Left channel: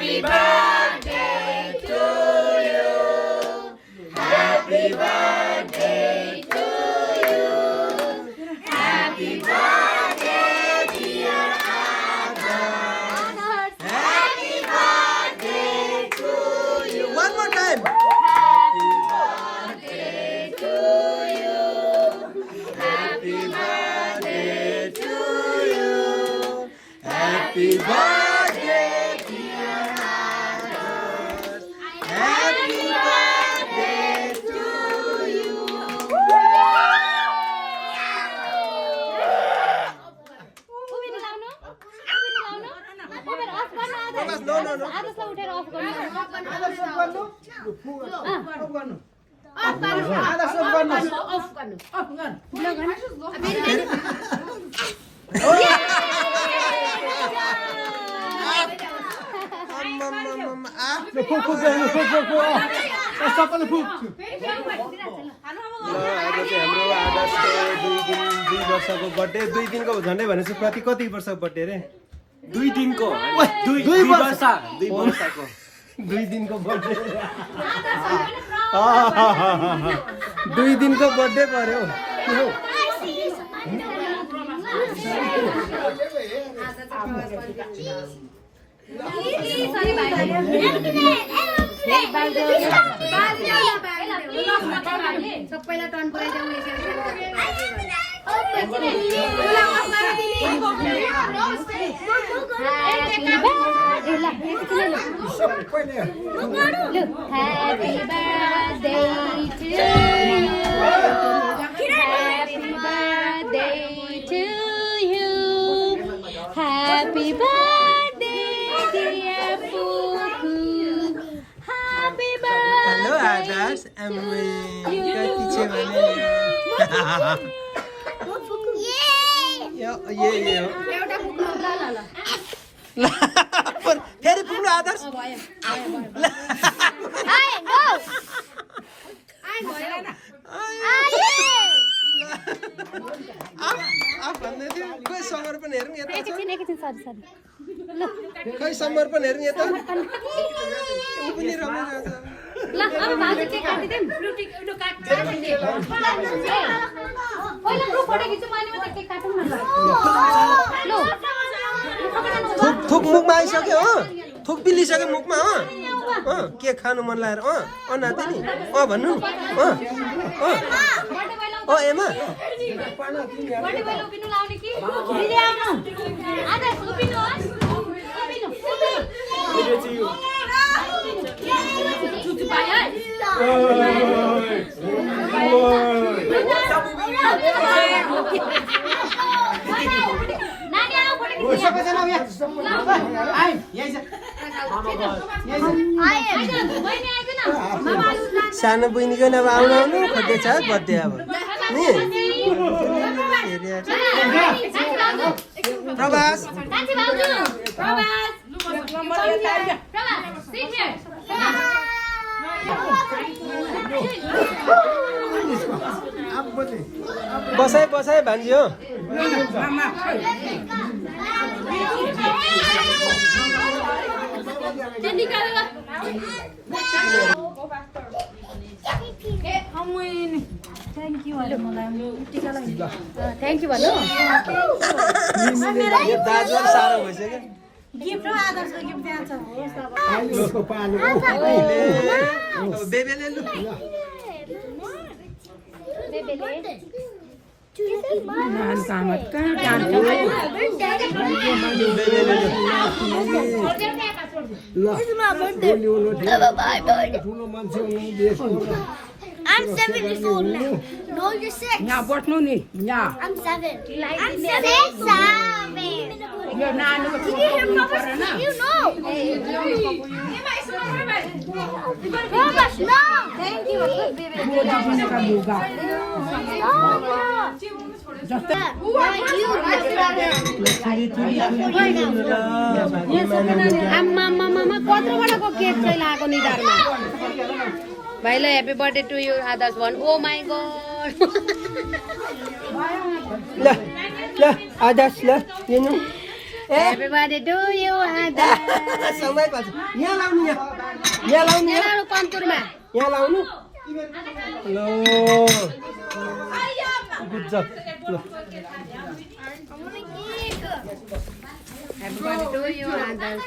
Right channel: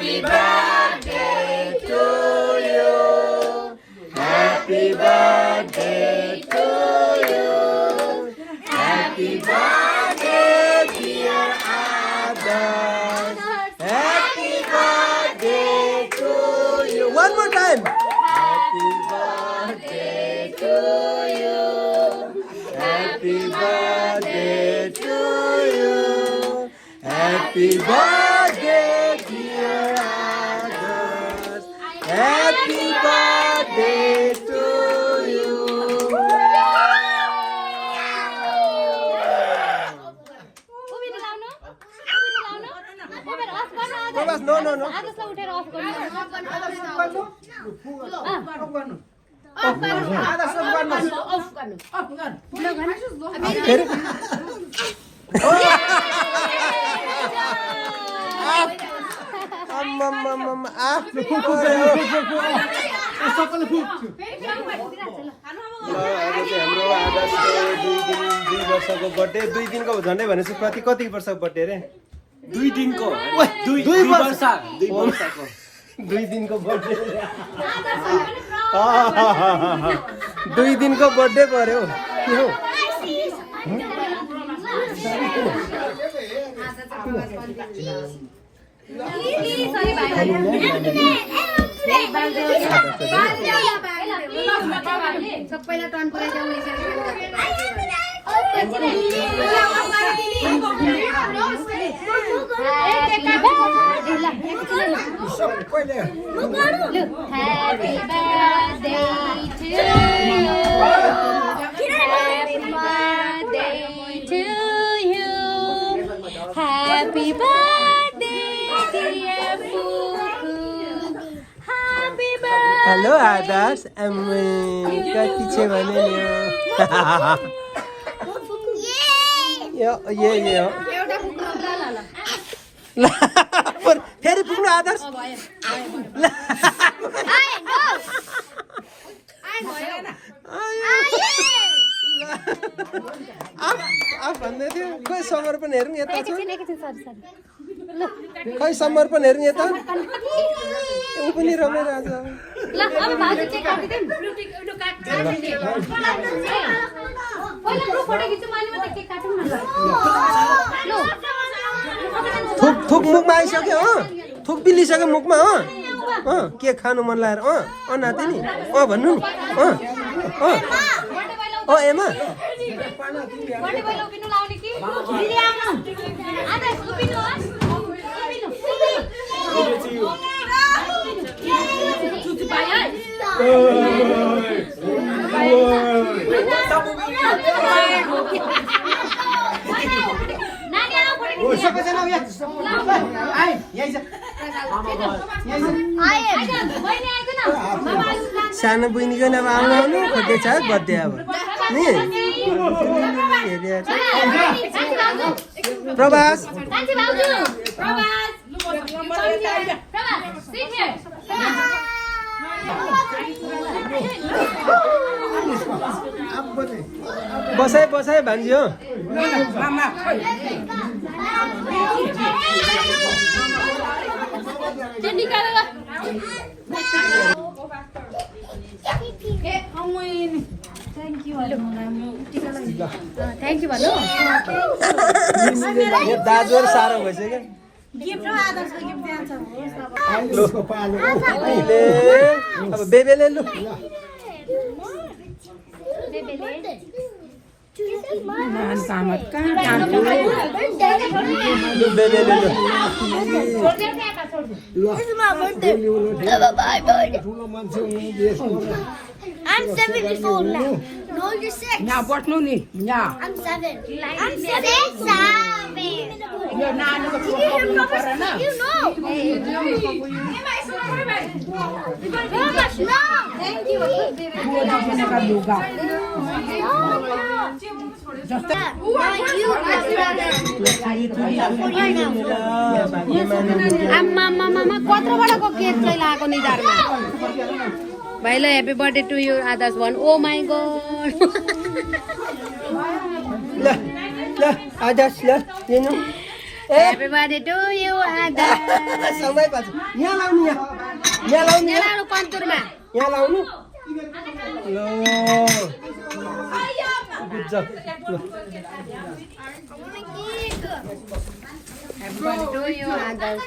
Happy birthday to you. Happy birthday to you. Happy birthday, dear Adarsh. Happy birthday to you. One more time. Happy birthday to you. Happy birthday to you. Happy birthday, dear Adarsh. Happy birthday to you. Prabhas, no. आज चाहिँ हाम्रो आदर्शको 2 वर्षको birthday 2 दिनको झन्डै भनेपछि प्रति कति वर्षको बर्थडे रे 2 दिनको 2 वर्षको 2 दिनको बर्थडे 2 दिनको बर्थडे गर्यो Happy birthday, dear Pooh. Happy birthday. Hello Adarsh कति छ भने यो ल फेरि पुग्नु आदर्श भन्दै थियो खोइ समर्पण हेरौँ यता छ खै समर्पण हेरौँ यता ऊ पनि रमाइरहेको छ थुक मुखमा आइसक्यो हो थुक पिलिसक्यो मुखमा हो के खानु मन लागेर नाति नि भन्नु नि एमा सानो बहिनीको अब आउनु खोज्दैछ बर्थडे अब नि प्रभास बसाइ भान्ज्यो Thank you भन्नु यो दाजुहरु साह्रो भइसक्यो गिफ्ट र आदर्शको गिफ्ट दिन्छ अब बेबेले लु I'm 74 now. No, you're 6. Now what no need? Yeah. I'm 7. I'm 7. You're not You know. Robert, no. Thank you. Bye, happy birthday to you, Adarsh one. Oh my God. ल आदर्श ल हेर्नु Happy birthday to you, Adas. समय पछि यहाँ लाउनु यहाँ लाउनु यहाँ Lalu konturnya. यहाँ लाउनु ल गुड जब ल Happy birthday to you, Adas.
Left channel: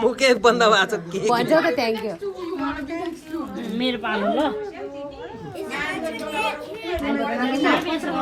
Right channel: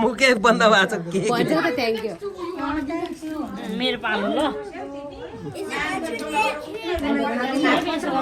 मुकै बन्द भएको छ के Thank you.